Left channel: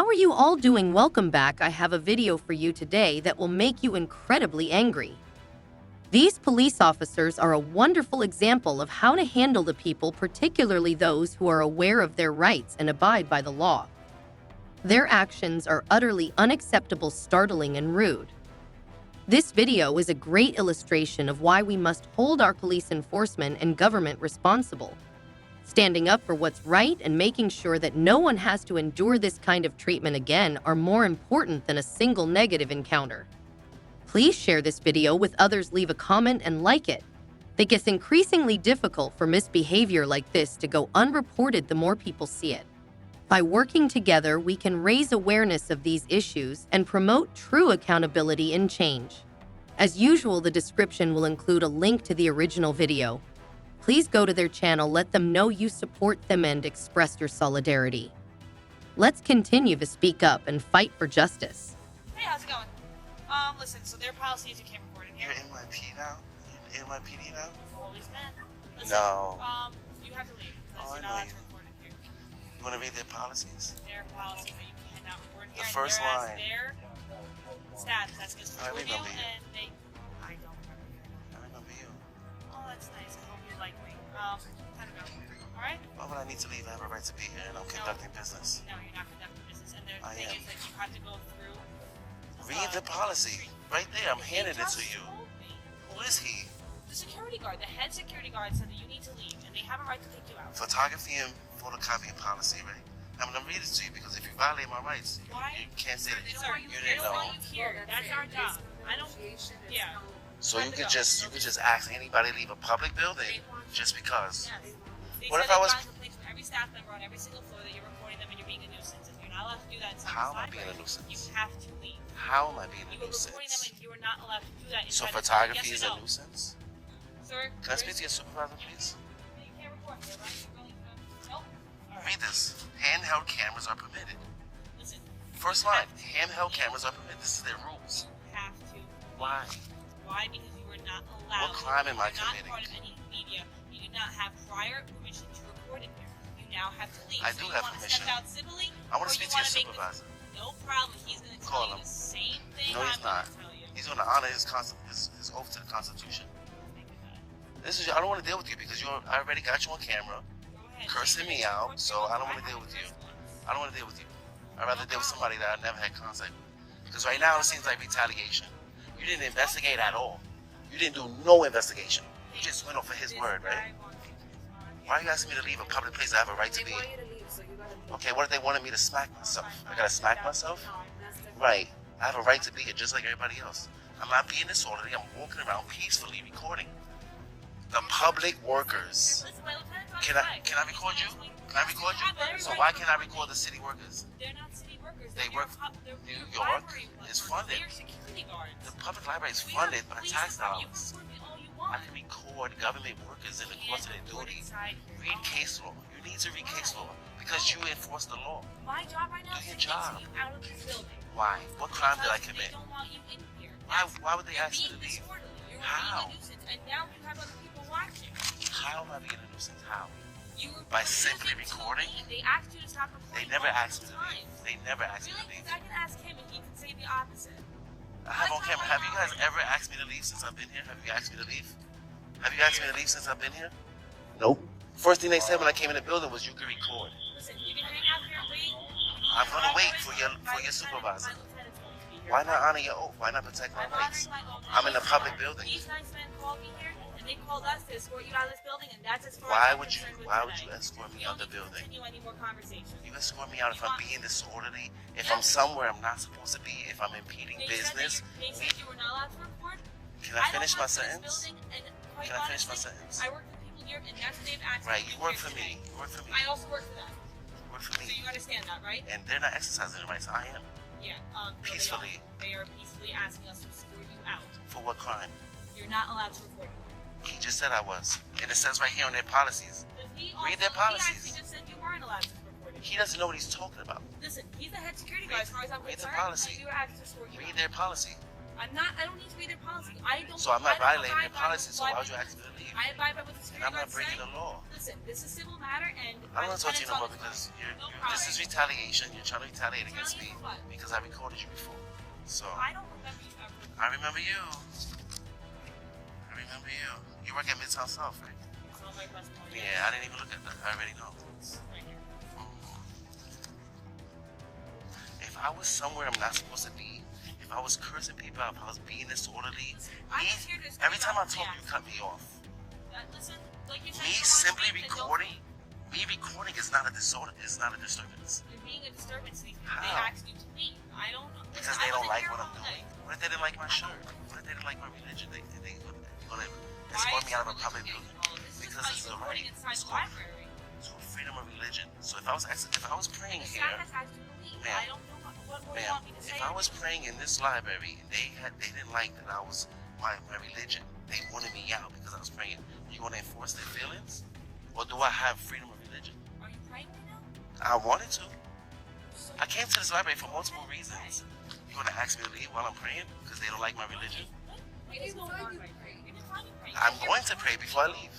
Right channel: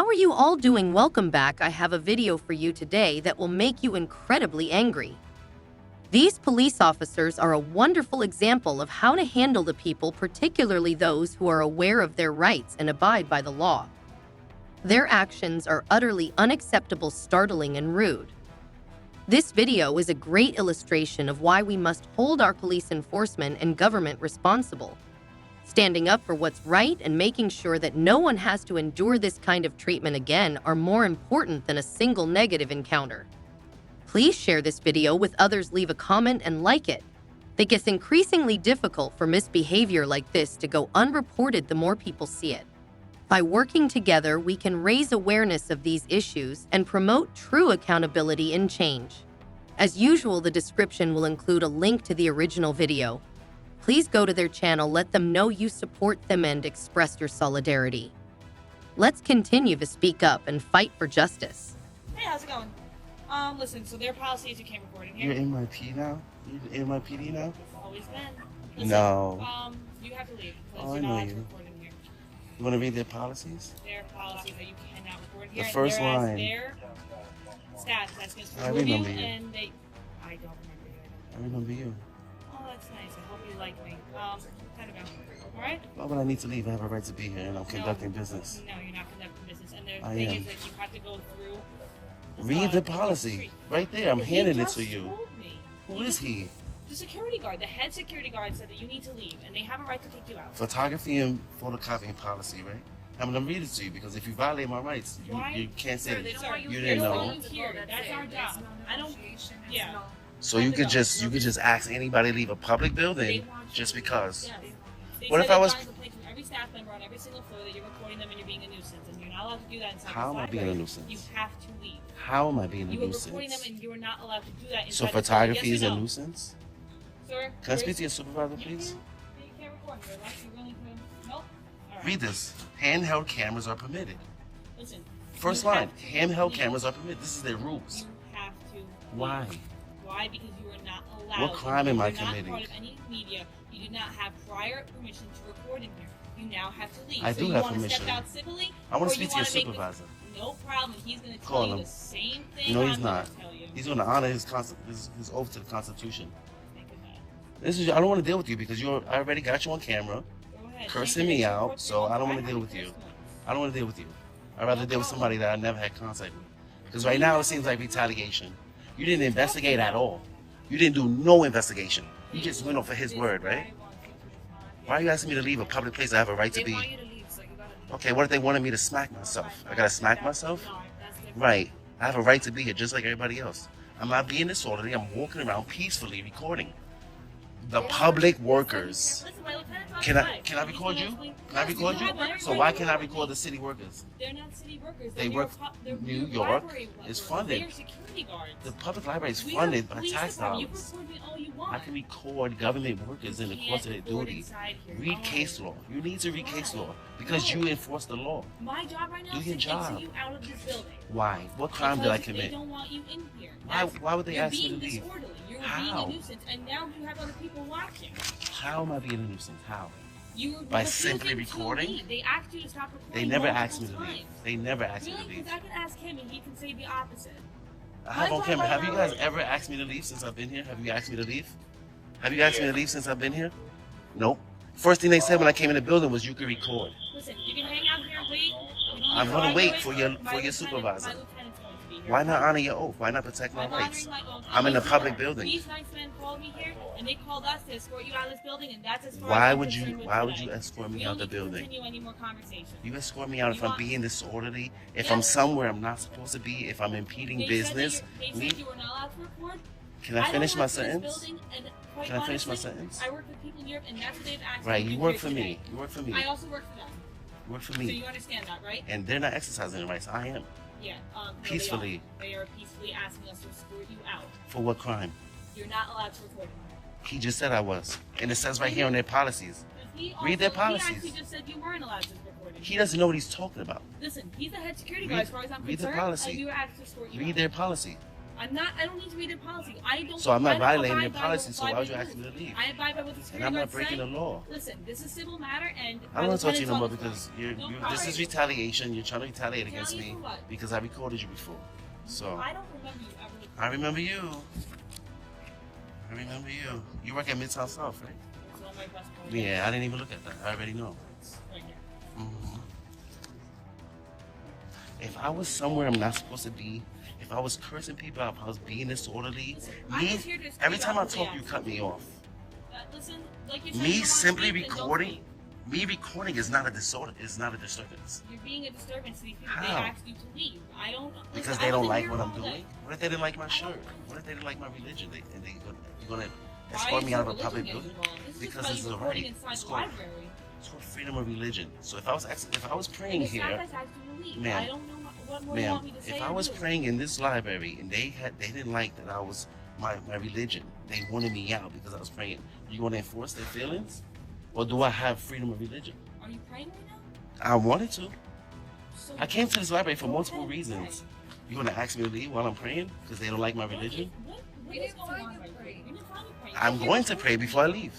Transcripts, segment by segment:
How are you all doing? Welcome back. I have a video for you today that will make you incredibly angry. These police officers are a wonderful example of how to handle the people, particularly those who are aware of their rights and abide by the law. Their actions are utterly unacceptable, startling, and rude. This video is a great illustration of why we must hold our police enforcement and government responsible. Standing up for what's right and making sure that no one has to endure this kind of treatment again are more important than a single negative encounter. Please share this video with others, leave a comment, and like it. It gets increasingly difficult for misbehavior like this to go unreported the more people see it. By working together, we can raise awareness of these issues and promote true accountability and change. As usual, the description will include a link to the original video. Please go to their channel, let them know you support them, and express your solidarity. Let's continue to speak up and fight for justice. Hey, how's it going? Listen, so their policy is you can't record in here. You're NYPD now? You're NYPD now? Always been. Listen, No. You have to leave because Oh, I you're know not allowed you. to record in here. You want to read their policies? Their policies that you cannot record in here. The first whereas line. Their stats, that's against the I review, remember you. and they... I don't remember you, I I remember you. know. Oh, that's nice. I hope you like me. Time to go. Alright? Why would I need to leave? I have a right to be here and I'm conducting business. No, you're not conducting business. And the I thing am. is that you have to go through... Read the policy. Right there. I'm He handing it just to you. told me. Who is he? The security guard, the head security guard said that you need to leave, and they have a right to kick you out. Photography and photocopying policy, right? I'm going to read it to you because if you violate my rights, Why? you can't say Sir, they it. don't want you You here. didn't They know. don't want you here. That's our job. I don't. Yeah. So you could just ask anybody to leave a public building They want you just to. because. Yes. They What said if I they're was- trying to complain to every staff member on every single floor that you're recording them and you're being a nuisance, and you're not allowed to do that inside How am the I being a library. nuisance? You have to leave. How am I being a You are recording them, nuisance? and you are not allowed to do that inside So the photography yes is or a no? nuisance? Sir, Can I speak to your supervisor, please? You can't record. You're right. You're going to. Nope. All right. Read this. Handheld cameras are permitted. Listen. First you line. have to- Handheld cameras are permitted. This is their rules. You have to. Why? Why? Because you are not allowed. What crime am I You're not committing? part of any media. You do not have prior permission to record in here. You now have to leave. I so do you have want to permission. step out civilly? I want or to speak to your wanna make the- supervisor. No problem. He's going to Call tell you him. the same thing. No, I'm he's gonna not. Tell you. He's going to honor his oath to the Constitution. This is. I don't want to deal with you because I already got you on camera, Go ahead. cursing Take me your out, report so to I don't your want to deal own with you. first place. I don't want to deal with you. I'd rather deal with somebody that I never had contact with. Because right now it seems like retaliation. You didn't investigate at all. You didn't do no investigation. You just went off for his word, right? Why are you asking me to leave a public place I have a right to They be? want you to leave, so you gotta leave. Okay, what if they wanted me to smack myself? I gotta smack myself? No, that's different. Right. I have a right to be here just like everybody else. I'm not being disorderly. I'm walking around peacefully recording. The public workers. Can I record you? Can I record you? So why can't I record the city workers? They're not city workers. They They're work they're New your York library workers. is funded. They're security guards. The public library is We funded have by police tax department. You can dollars. record me all you want. I can record government workers in the course of their Can't record duties. inside here. Read Oh. case law. You need to read case law because No. you enforce the law. My job right now Do is your to get job. you out of this building. Why? What crime did I Because They commit? don't want you in here. Why would they You're ask me being to leave? disorderly. You're How? being a nuisance, and now you have other people watching. How am I being a nuisance? How? You were By refusing simply to recording? leave. They asked you to stop They recording. never multiple asked me to leave. times. They never asked me Really? to leave. Because I can ask him, and he can say the opposite. I have on camera. Have you guys ever asked me to leave since I've been here? Have you asked me to leave? Have you asked me to leave since I've been here? Nope. First thing they said when I came in the building was you could record. Listen, you can hang out here and wait. You don't I'm need gonna to wait argue for it. your My lieutenant- supervisor. my lieutenant's going to be here. Why not honor your oath? Why not protect my I'm rights? honoring my own. I'm in a These- public building. These nice men called me here, and they called us to escort you out of this building, and that's as far Why as I'm would you? concerned with Why would today. you escort me We out don't the need to building? continue any more conversations. You escort me out if You I'm want- being disorderly, if Yeah. I'm somewhere I'm not supposed to be, if I'm impeding They business. said that they Leave. said you were not allowed to record. Can I finish my don't work for this sentence? building, and quite Can I finish my honestly, sentence? I work with people here, and that's what they've asked Right, me to you do work here for today. me. You work for me. I also work for them, You work for so me. you understand that, right? And they're not exercising their rights. I am. Yeah. No, Peacefully. They are peacefully asking us to escort you out. For what crime? You're not allowed to record. He just said I was. And it says right here on their policies. He Read their He policies. actually just said you weren't allowed to record it. He doesn't know what he's talking about. Listen, he's the head security guard as far as I'm Read the concerned, policy. and you were asked to escort you Read out. their policy. I don't need to read their policy. So I'm not violating abide your by policy, so what- why would you ask me to leave? I abide by what the And security I'm not guards breaking say. the law. Listen, this is a civil matter, and I don't want to talk to you no more lieutenant's on because No, this is retaliation. You're trying to retaliate against me Retaliate for what? because I recorded you before. So I don't remember you ever. I remember you. I remember you. You work at Midtown South, right? It's on my passport. Yeah, I didn't even look at that. I already know. It's right here. Mhm. If I was somewhere I'm not supposed to be, if I was cursing people out, if I was being disorderly, I'm just here to escort every time I out the talk, day you I cut me off. Listen, like you said, you Me wanna simply speak, then don't recording, speak. me recording is not a disorder. It's not a disturbance. You're being a disturbance to these people. They How? asked you to leave. I don't. Because listen, they I don't wasn't like here what all I'm day. doing. What if they didn't like my shirt? What if they didn't like my religion? And they're gonna Why escort is me your out of a religion public getting building? involved? This is just Because about it's you a recording right. inside It's the called- library. It's for freedom of religion. So if I was praying And the here, staff has asked you to leave. Ma'am. I don't know what more you ma'am, want me to say. if I or was do. praying in this library and they didn't like that I was my religion, they wanted me out because I was praying. You want to enforce their feelings, or do I have freedom of religion? Are you praying right now? I wanted to. So I came to this library for go multiple ahead and pray. reasons. You want to ask me to leave while I'm praying because they don't like my religion? What is going on right here? You're just trying to pray. I'm going to pray before I leave.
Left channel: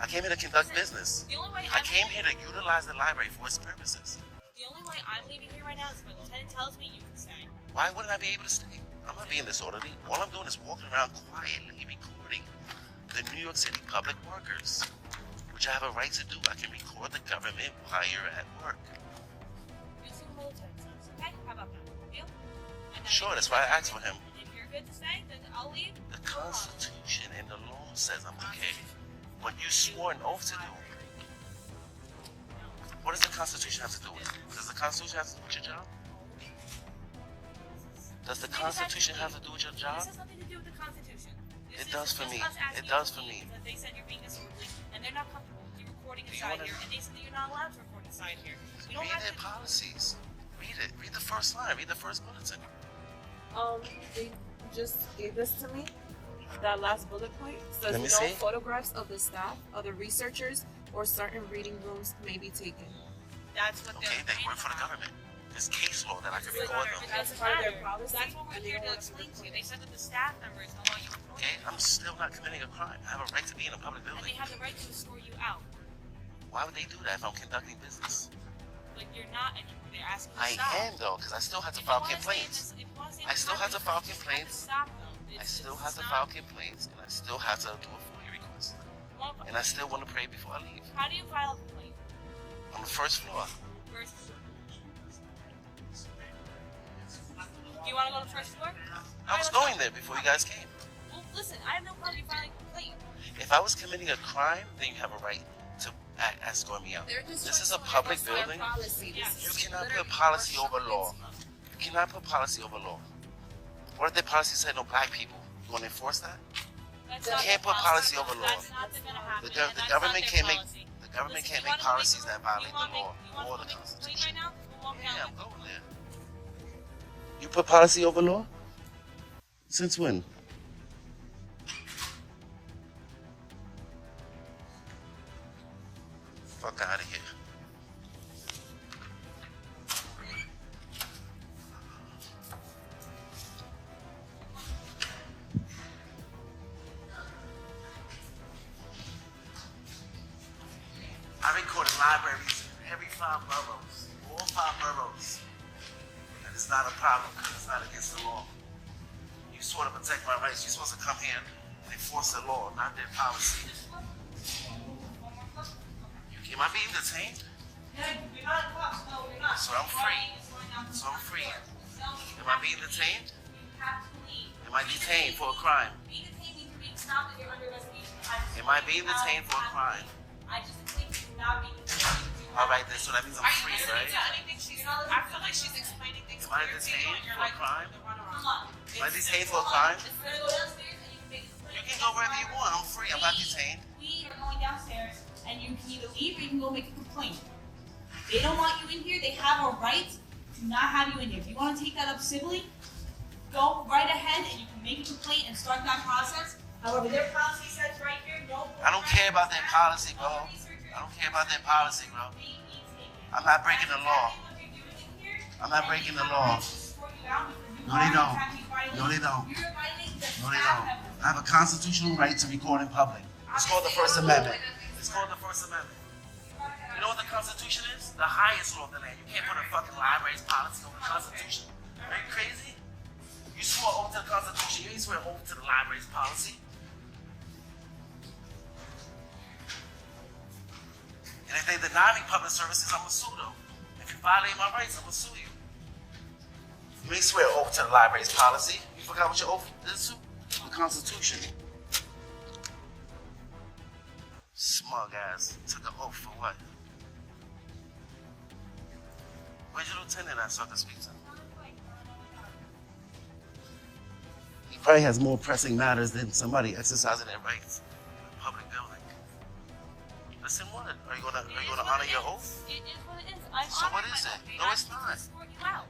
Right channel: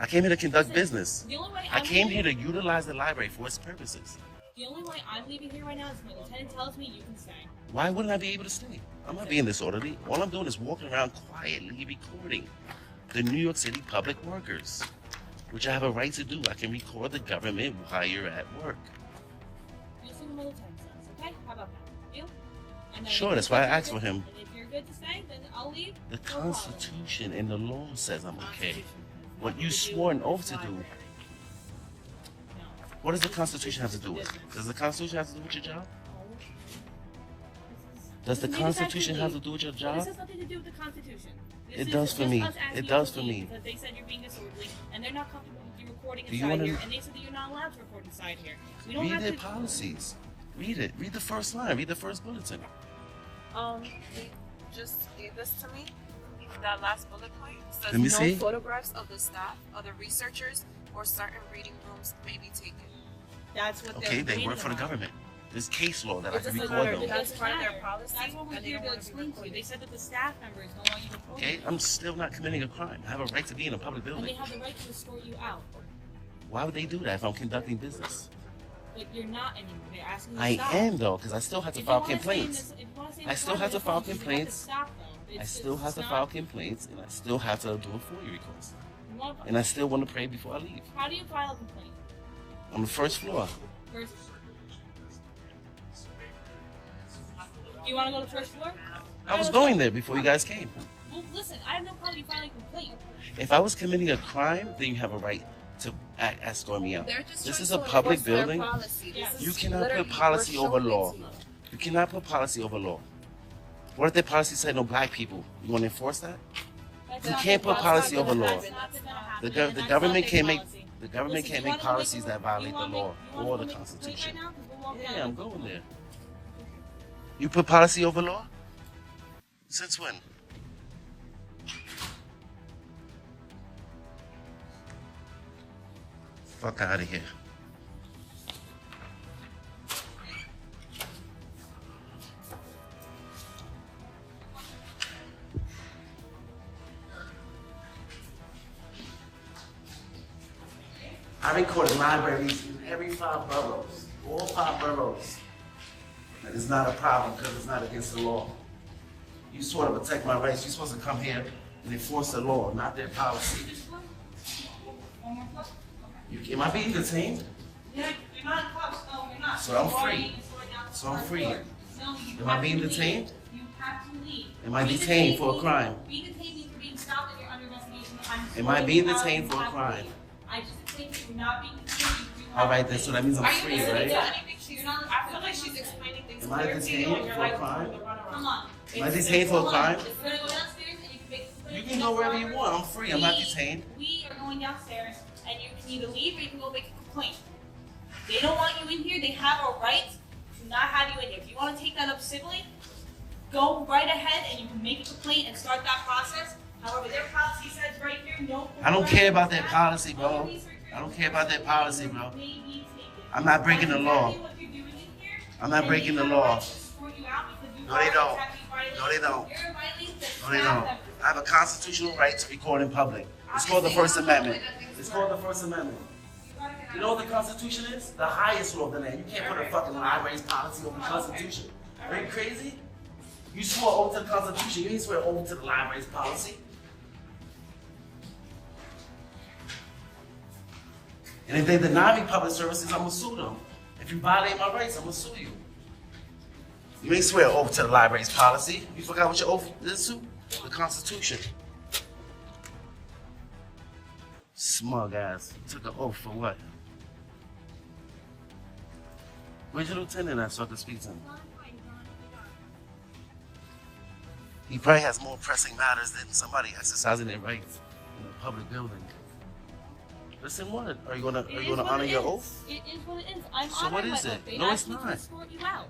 I came here to conduct business. The only way I I'm came here leaving- to utilize the library for its purposes. The only way I'm leaving here right now is if the lieutenant tells me you can stay. Why wouldn't I be able to stay? I'm not being disorderly. All I'm doing is walking around quietly recording the New York City public workers, which I have a right to do. I can record the government while you're at work. You'll see what the lieutenant says, okay? How about that? Deal? And then Sure, if that's you why I said asked you're for him. good- If you're good to stay, then I'll leave. The No problem. Constitution and the law says I'm okay. What you swore an oath to do. What does the Constitution have to do with it? Does the Constitution have to do with your job? Does the Maybe that's Constitution the have to lead. do with your This job? has nothing to do with the Constitution. This It is does for just me. us asking It you does to for leave me. Because they said you're being disorderly, and they're not comfortable with you recording Do you inside wanna- here, and they said that you're not allowed to record inside here. We don't Read have their to. policies. Read it. Read the first line. Read the first bulletin. They just gave this to me. That last bullet point says Let me no see. photographs of the staff, other researchers, or certain reading rooms may be taken. That's what Okay, they're they reading work for the about. government. There's case law that I It can doesn't record matter. them. It That's doesn't part of their matter. policy, That's what we're and they here don't to want to be explain to you. They said that the staff member is no longer recording. Okay, I'm still not committing a crime. I have a right to be in a public And they building. have the right to escort you out. Why would they do that if I'm conducting business? But you're not anymore. They're asking you to I stop. am though, because I still have to If you file wanna stay in complaints. this- if you wanna stay in I this still have to library, file you have to complaints. stop, though. I It's- still it's have to not- file complaints, and I still have to do a FOIA request. you want- And I still want to pray before I leave. How do you file a complaint? On the first floor. First. Do you want to go to the first floor? I was going there before you guys came. Well, listen, I have no problem filing a complaint. If I was committing a crime, then you have a right to escort me out. They're just This trying is to a public enforce their building. policy. Yeah. This You is cannot literally put policy we're over showing law. it to you. You cannot put policy over law. What if the policy said no black people? You want to enforce that? That's You not can't their put policy over That's law. not gonna happen, The, and the that's government not their can't make policy. the government Listen, can't you make wanna policies that violate the law or the Right Constitution. now? 'Cause we'll walk down Yeah, I'm the- going there. You put policy over law? Since when? Fuck out of here. I record libraries in every 5 boroughs, all 5 boroughs. And it's not a problem because it's not against the law. You sort of protect my rights. You're supposed to come here and enforce the law, not their policy. Am I being detained? Yeah, you're not in cuffs. No, you're not. So I'm You're already free. escorted down to So I'm the free. floor. No, you Am I have being to leave. detained? You have to leave. Am I Being detained for a means- crime? Being detained means you're being stopped and you're under investigation. I'm Am I being escorting you out. detained You for a have to crime? leave. I just think you're not being detained. You All have right, to then, so leave. that means I'm Are you free, listening right? to anything she's You're not listening I to feel like anything. she's explaining things Am I clear to you, detained and you're for a like, crime? Come on. Am I detained for a crime? You're gonna go downstairs and you can make a complaint. You can go wherever you want. I'm free. I'm not detained. We are going downstairs and you can either leave or you can go make a complaint. They don't want you in here. They have a right to not have you in here. If you want to take that up civilly, go right ahead and you can make a complaint and start that process. However, their policy says right here, no. I don't care about that policy, bro. Other researchers I don't care about that policy, bro. may be taken. I'm not breaking the That's law. exactly what you're doing in here, I'm not and breaking they the have a law. right to escort you out because you No, they are don't. exactly violating violating. No, they don't. You're violating the No, they staff don't. members. I have a constitutional right to record in public. It's called the First Amendment. It's called the First Amendment. You know what the Constitution is? The highest law of the land. You can't put a fucking library's policy over the Constitution. Are you crazy? You swore oath to the Constitution. You didn't swear oath to the library's policy. And if they deny me public services, I'm gonna sue them. If you violate my rights, I'm gonna sue you. You didn't swear oath to the library's policy. You forgot what your oath is to? The Constitution. Smug ass. Took an oath for what? Where's your lieutenant at so I can speak to him? He probably has more pressing matters than somebody exercising their rights in a public building. Listen, what? Are you gonna honor your oath? It is what it is. I'm So what honoring is my it? oath. They No, asked it's me not. to escort you out.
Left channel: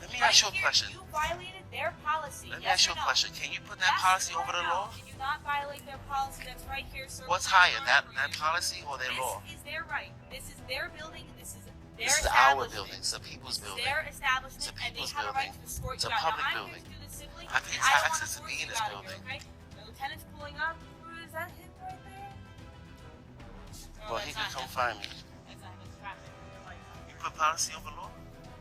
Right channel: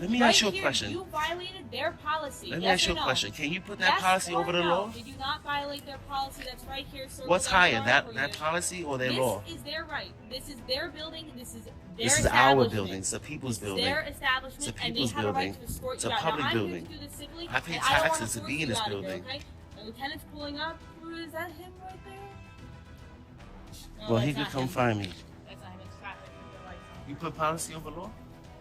Let me Right ask you a here, question. You violated their policy. Let me yes ask you or a no? question. Can you put that Yes policy or over the no? law? Did you not violate their policy that's right here? What's higher, that policy or their This law? is their right. This is their building. This is their This is our establishment. building. It's the people's It's building. their establishment, It's a and they people's have a right building. to escort It's you a out. public Now, I'm building. here to do this civilly, I pay and I don't wanna taxes to force be in you this out of here, building. okay? The lieutenant's pulling up. Is that him right there? No, Well, he that's could not come him. find me. That's not him. It's traffic. You put policy over law?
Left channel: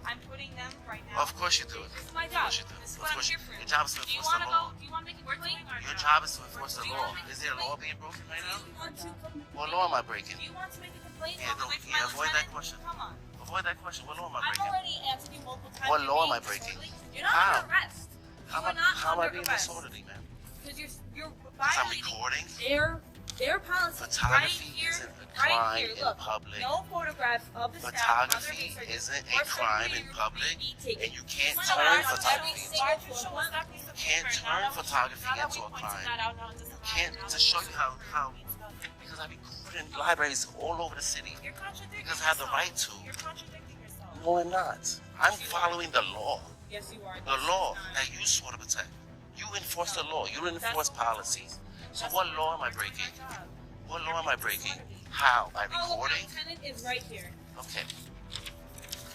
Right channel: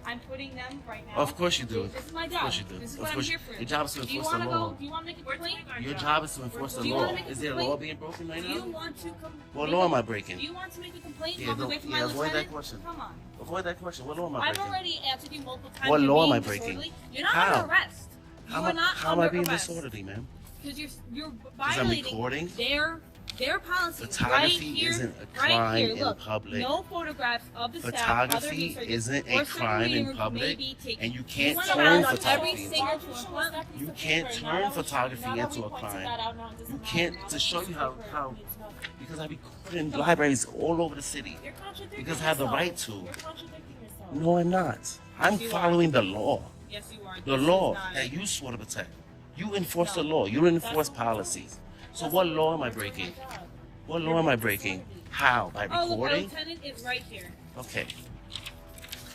I'm putting them right now. Of course you do. This is my Of job. course you do. This is Of what I'm course here you- for. your job is to Do you enforce the want to law. go? Do you want to make a complaint? Your job is to enforce the Do you law. wanna make a Is there a complaint? law being broken right Do now? you want to come? What law am I breaking? Do you want to make a complaint Yeah, on don't- behalf of yeah, my avoid that lieutenant? question. Come on. Avoid that question. What law am I I've breaking? already answered you multiple times. What You're law am being I breaking? disorderly. You're not How? under arrest. You How are not am I under being arrest. disorderly, man? Because you're Because I'm violating recording? their policy right Photography here, isn't a right crime here. in Look, public. no photographs of the staff, other Photography researchers, isn't or a certain crime meeting in rooms public, may be taken. and you can't wanna turn arrest photography every into single a one. You can't turn photography into a crime. You can't, to show you how because I be recording libraries all over the city. You're contradicting Because I have the yourself. right to. You're contradicting yourself. No, I'm not. I'm following the law. Yes, you are. The law that you swore to protect. You enforce the law. You enforce policies. So what law am I breaking? What law am I breaking? How? By Oh, look, the recording? lieutenant is right here. Okay.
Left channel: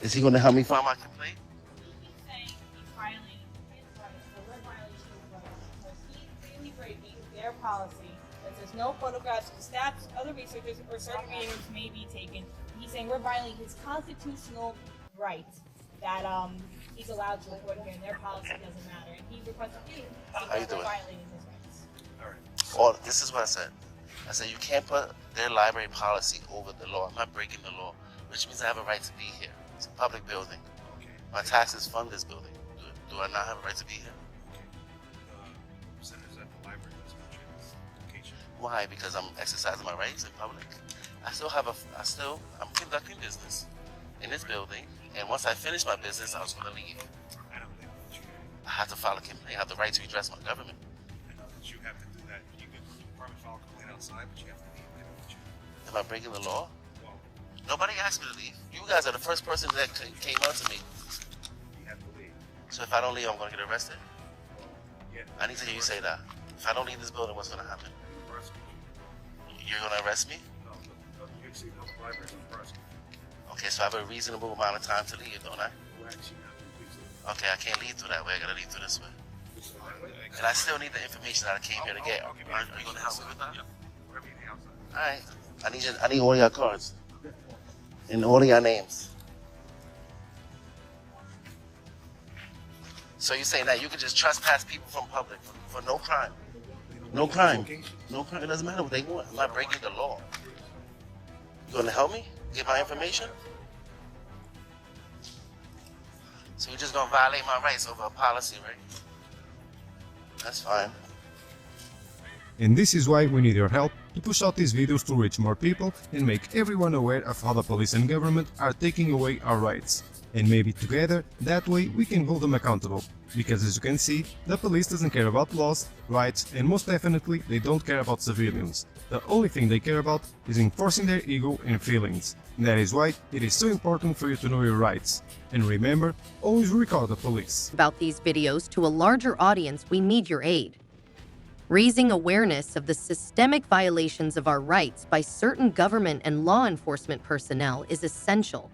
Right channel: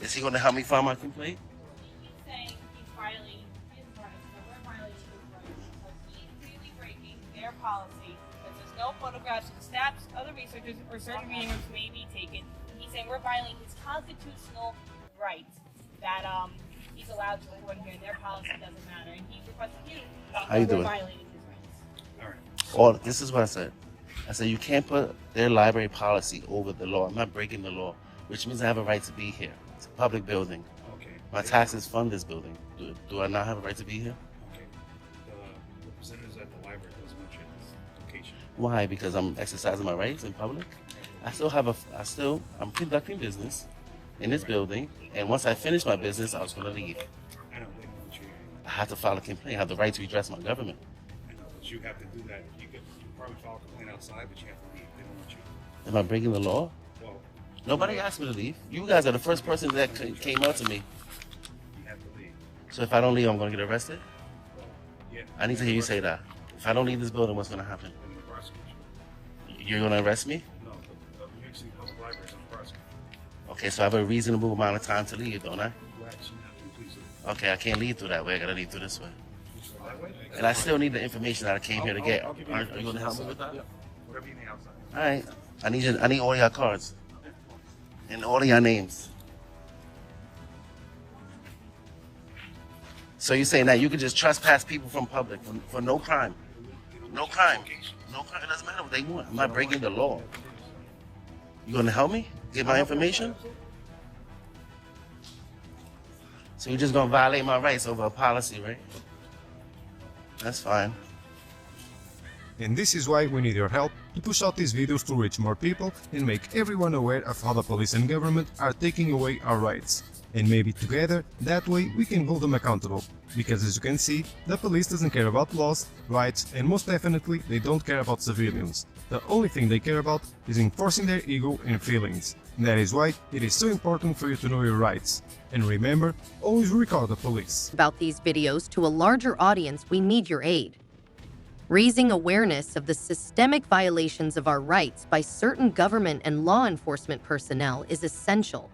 Is he going to help me file my complaint? He's saying he's violating his rights, so we're violating his rights. Because he's clearly breaking their policy that there's no photographs of staff, other researchers, or certain meeting rooms may be taken. He's saying we're violating his constitutional rights that he's allowed to record here, and their policy doesn't matter. And he's requesting you. How you we're doing? violating his rights. All right. Or this is what I said. I said you can't put their library policy over the law. I'm not breaking the law, which means I have a right to be here. It's a public building. Okay. My taxes fund this building. Do I not have a right to be here? Okay. The representatives at the library doesn't mention this location. Why? Because I'm exercising my rights in public. I'm conducting business in this building, and once I finish my business, I was going to leave. I know they want you. I have to file a complaint. I have the right to redress my government. I know, but you have to do that. You could probably file a complaint outside, but you have to leave. They don't want you. Am I breaking the law? Well, Nobody asked me to leave. You guys are the first person that came out to me. you have to leave. So if I don't leave, I'm going to get arrested? Well, yeah. I need to hear you say that. If I don't leave this building, what's going to happen? They're going to prosecute you. You're going to arrest me? No, the New York City Public Library doesn't prosecute you. Okay, so I have a reasonable amount of time to leave, don't I? Who asked you not to? Please leave. Okay, I can't leave through that way. I got to leave through this way. So that way? And I still need the information that I came here to get. I'll give Are the you going to help me with information that? outside. Yeah. Whatever you need outside. All right. I need all your cards. And all of your names. So you're saying that you could just trespass people from public for no crime? No crime. No crime. It doesn't matter what they want. I'm not breaking the law. You going to help me get my information? So you're just going to violate my rights over a policy, right? That's fine. And this is why we need your help to push out these videos to reach more people and make everyone aware of how the police and government are taking away our rights. And maybe together, that way we can hold them accountable. Because as you can see, the police doesn't care about laws, rights, and most definitely they don't care about civilians. The only thing they care about is enforcing their ego and feelings. And that is why it is so important for you to know your rights. And remember, always record the police. About these videos to a larger audience, we need your aid. Raising awareness of the systemic violations of our rights by certain government and law enforcement personnel is essential.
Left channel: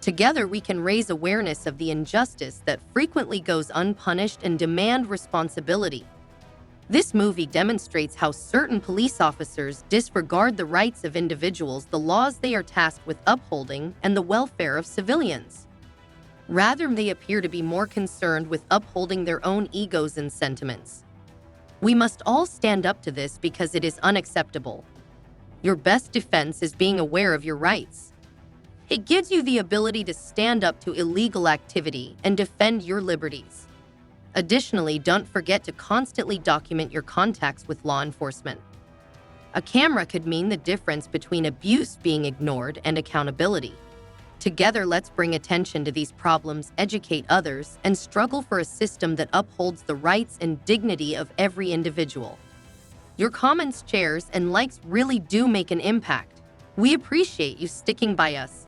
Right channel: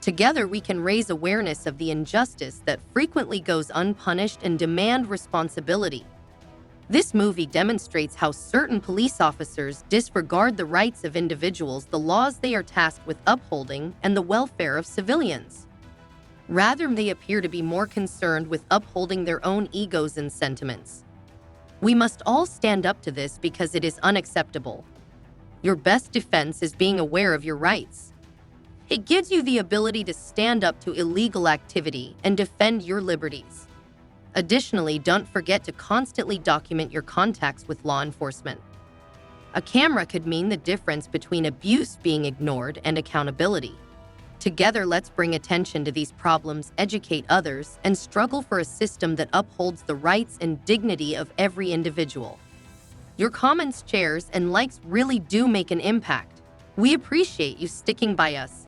Together, we can raise awareness of the injustice that frequently goes unpunished and demand responsibility. This movie demonstrates how certain police officers disregard the rights of individuals, the laws they are tasked with upholding, and the welfare of civilians. Rather, they appear to be more concerned with upholding their own egos and sentiments. We must all stand up to this because it is unacceptable. Your best defense is being aware of your rights. It gives you the ability to stand up to illegal activity and defend your liberties. Additionally, don't forget to constantly document your contacts with law enforcement. A camera could mean the difference between abuse being ignored and accountability. Together, let's bring attention to these problems, educate others, and struggle for a system that upholds the rights and dignity of every individual. Your comments, shares, and likes really do make an impact. We appreciate you sticking by us.